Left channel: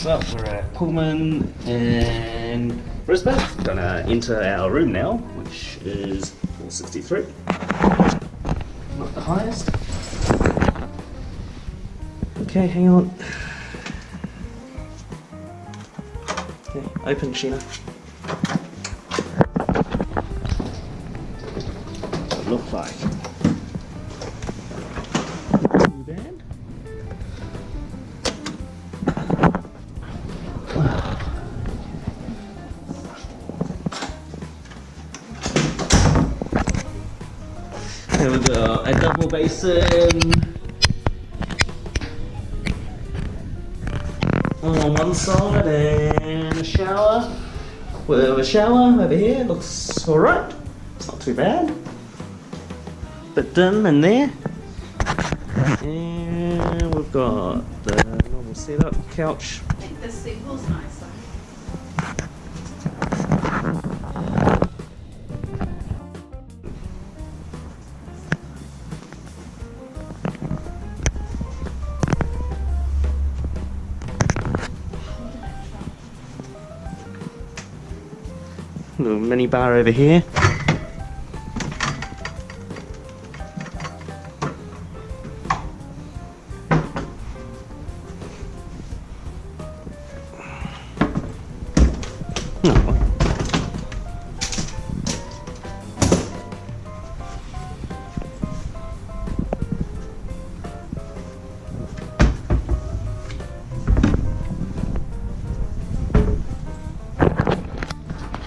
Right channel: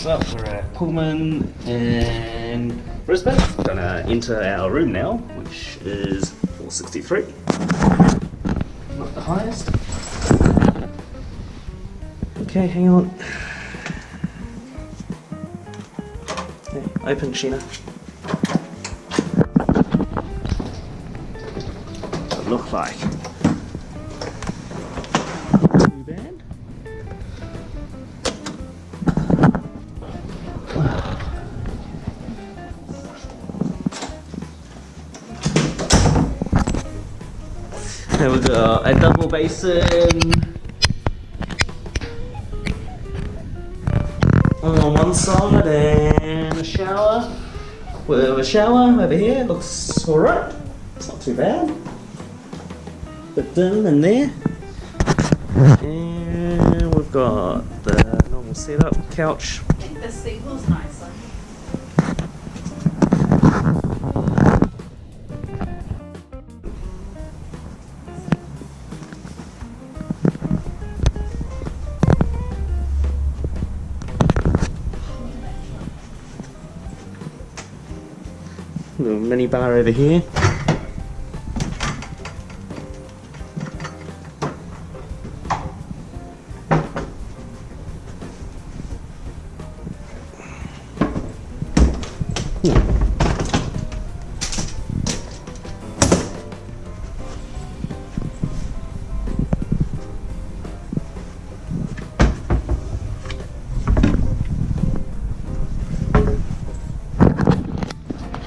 So we're at Pullman in Brisbane. Gonna enter our room now, which is 463. Not the highest. Okay, hang on. Okay, open, Sheena. What it look like? Too bad. Here we go, a double basin on one side and a shower. With a shower over here, looks alright. It's not too bad. Bit dim in there. And we've got the normal setup, couch. I think the single's nicer. Little mini bar over here.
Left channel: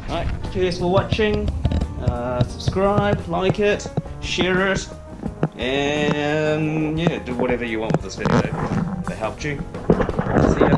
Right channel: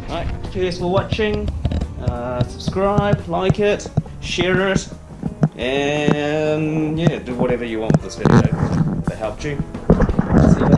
Alright, cheers for watching. Subscribe, like it, share it, and yeah, do whatever you want with this video if it helped you. See ya.